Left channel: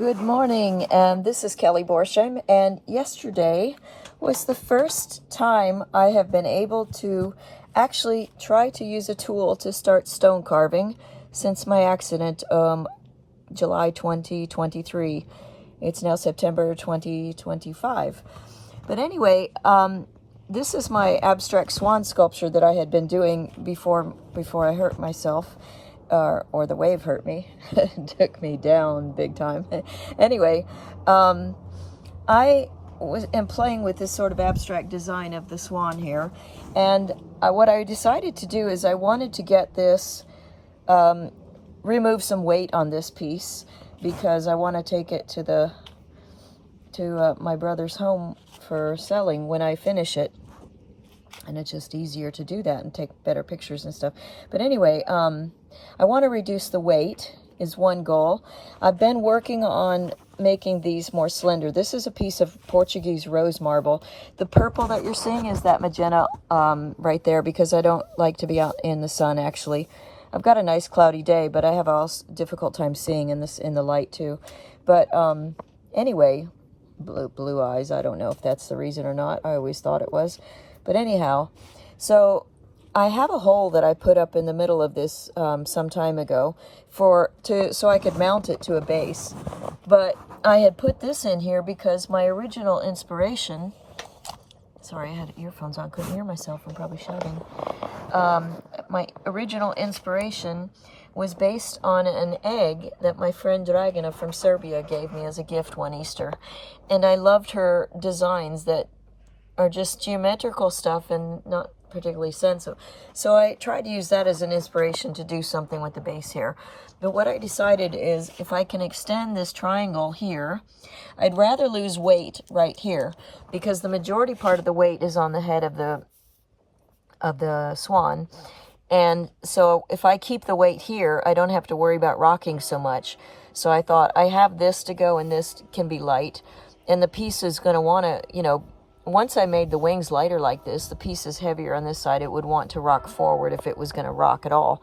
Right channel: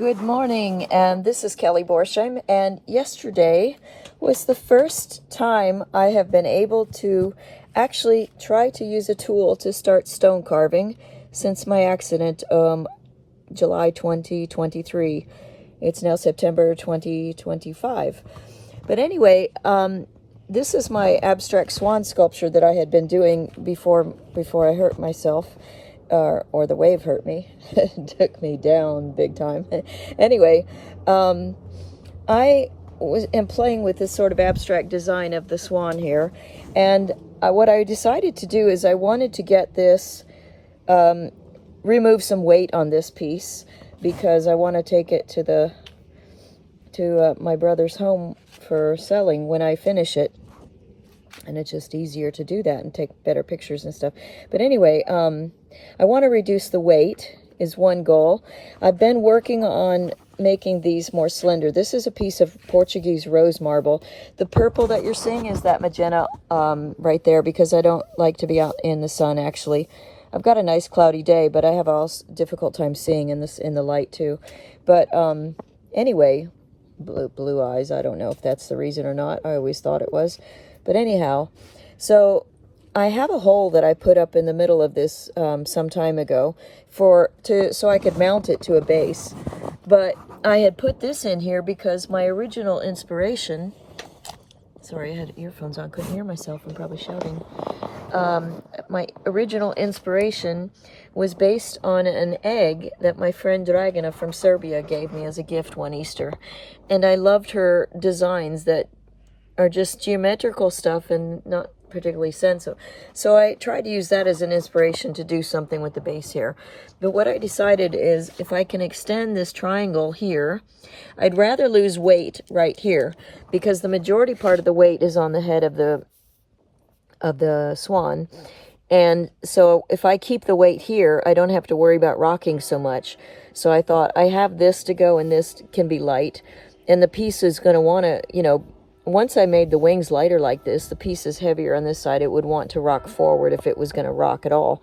Good morning, and this is Kelly Borsheim, and yesterday was the first time I have been able to actually try to use a tool to start stone carving since my accident, July 2023. It's now September 2025. But anyway, this is my abstract swan sculpture that I had been doing before I hurt myself. Or the wave hurt me. It took me down big time. Anyway, I am playing with this sort of abstract design of the swan here, and what I decided to do is I wanted to get this, remove some weight on this piece, because I want to take it to my brother's home for selling when I finish it, and it's just easier to do that and take better pictures and stuff. But anyway, I want to reduce the weight is one goal. I've been working on making these more slender. This is a piece of Portuguese rose marble. The purple that you're seeing is that magenta right there, because I don't like to be out in the sun, actually. I've got a nice cloudy day, but I have a difficult time seeing in the light too. But anyway, blue eyes. I don't know if that's the reason or not. I always thought it was. But anyhow, so I have a hole that I put up in the middle of this some time ago so I could mount it to a base. But I had put this in here because my original inspiration, sorry, I had earphones on, couldn't hear myself, I'm probably shouting. My original inspiration was based on an egg that my friend Dragana from Serbia gave me as a gift one Easter. And I loved her designs that are just geometrical stuff and not particularly sensitive. So I tried to use that as an inspiration to do something with the base here. But what I decided is, if I can extend this triangle here, I'd rather lose weight right here, because the majority part of the weight is on the head of the swan. And so if I keep the weight here, I don't have to worry about rocking so much. So I thought, I have this to go, and this can be light, and the piece is going to want to, once I made the wings lighter like this, the piece is heavier on this side. It would want to rock forward if it was going to rock at all.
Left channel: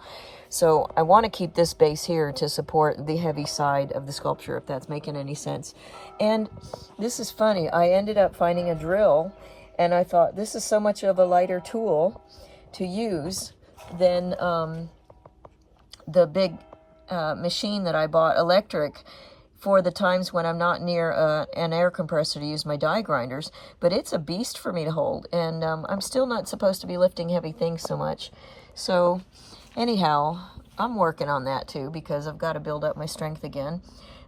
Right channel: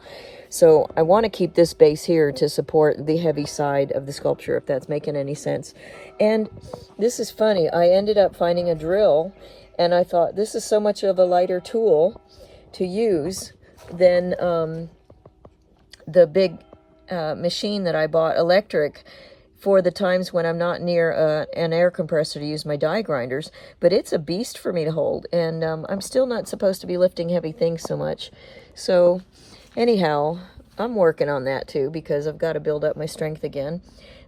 So I want to keep this base here to support the heavy side of the sculpture, if that's making any sense. And this is funny. I ended up finding a drill, and I thought, this is so much of a lighter tool to use than the big machine that I bought, electric, for the times when I'm not near an air compressor to use my die grinders. But it's a beast for me to hold, and I'm still not supposed to be lifting heavy things so much. So anyhow, I'm working on that too, because I've got to build up my strength again.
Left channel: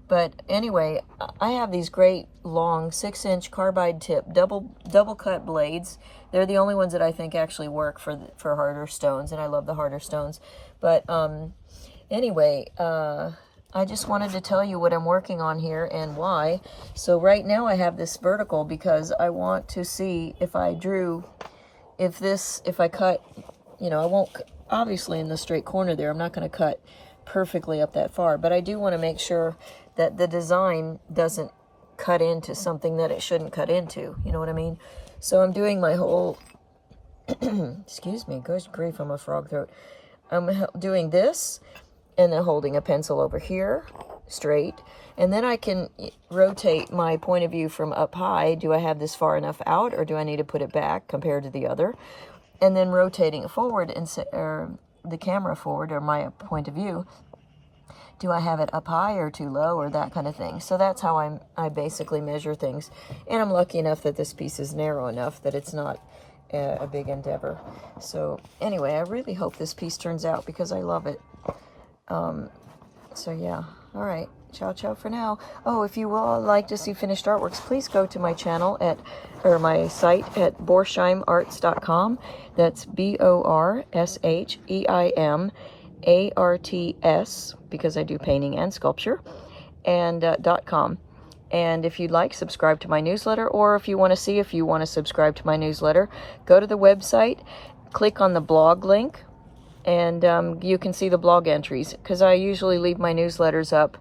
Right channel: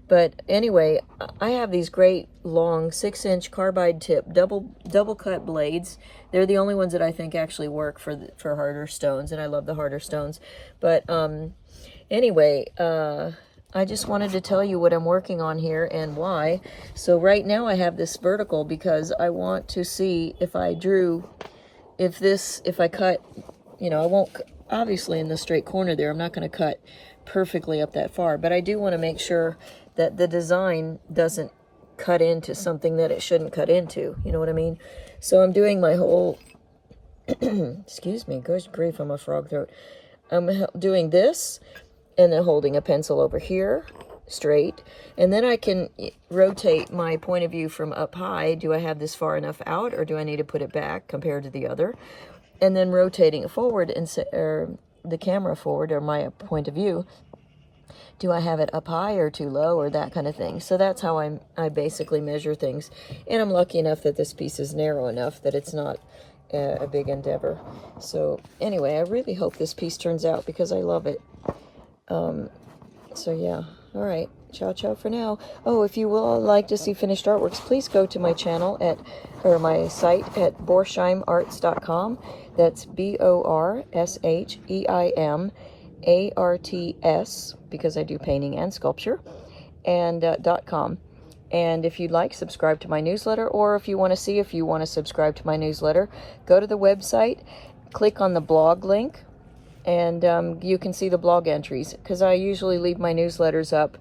But anyway, I have these great long 6-inch carbide tip double cut blades. They're the only ones that I think actually work for harder stones, and I love the harder stones. But anyway, I just wanted to tell you what I'm working on here and why. So right now I have this vertical because I want to see if I cut, I won't, obviously in the straight corner there, I'm not going to cut perfectly up that far, but I do want to make sure that the design doesn't cut into something that it shouldn't cut into, you know what I mean? So I'm doing my whole, excuse me, gosh grief, I'm a frog throat. I'm doing this, and then holding a pencil over here, straight. And then I can rotate my point of view from up high. Do I have this far enough out, or do I need to put it back compared to the other? And then rotating it forward, or the camera forward, or my point of view. Do I have it up high or too low, or that kind of thing? So that's how I basically measure things. And I'm lucky enough that this piece is narrow enough that it's not a big endeavor. So anyway, I really hope this piece turns out, because I love it. So yeah, all right, ciao for now. Oh, if you will like to see finished artworks, please go to my channel my site at borsheimarts.com. That's BORSHEIMARTS, because I do painting and sculpture, and .com. And if you'd like, subscribe to my newsletter, or if you want to subscribe to my newsletter, go to the website, click on the blog link, and you can see the blog entries, because I usually leave my newsletters up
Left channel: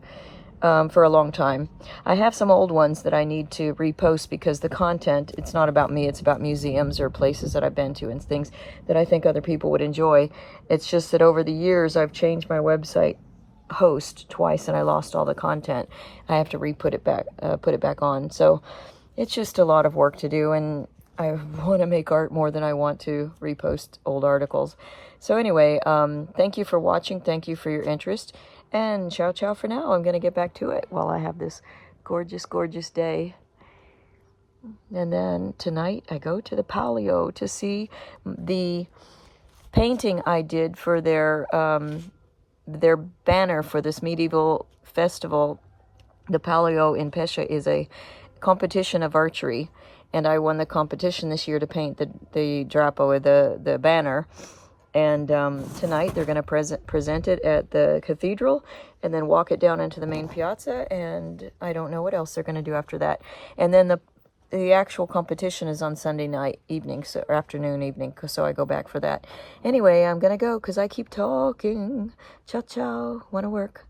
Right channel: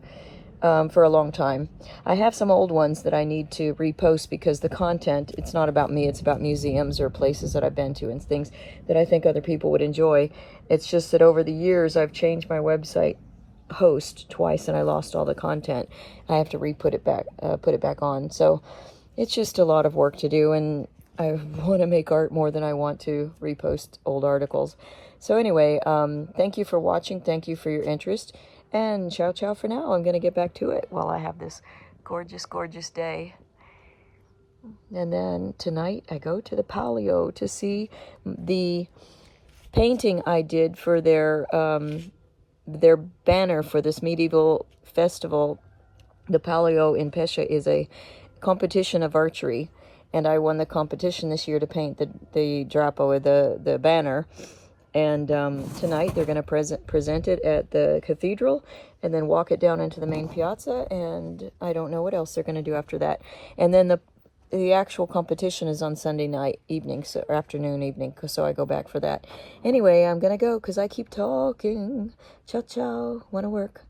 for a long time. I have some old ones that I need to repost, because the content, it's not about me, it's about museums or places that I've been to and things that I think other people would enjoy. It's just that over the years I've changed my website host twice and I lost all the content. I have to put it back on. So it's just a lot of work to do, and I want to make art more than I want to repost old articles. So anyway, thank you for watching. Thank you for your interest, and ciao ciao for now. I'm going to get back to it while I have this gorgeous, gorgeous day. And then tonight I go to the Palio to see the painting I did for their banner for this medieval festival. The Palio in Pescia is a competition of archery, and I won the competition this year to paint the drappo, the banner. And tonight they're going to present it at the cathedral, and then walk it down into the main piazza, and I don't know what else they're going to do after that. And then the actual competition is on Sunday night evening, so afternoon, evening, so I go back for that. Anyway, I'm going to go because I keep talking. Ciao, ciao. Want to work.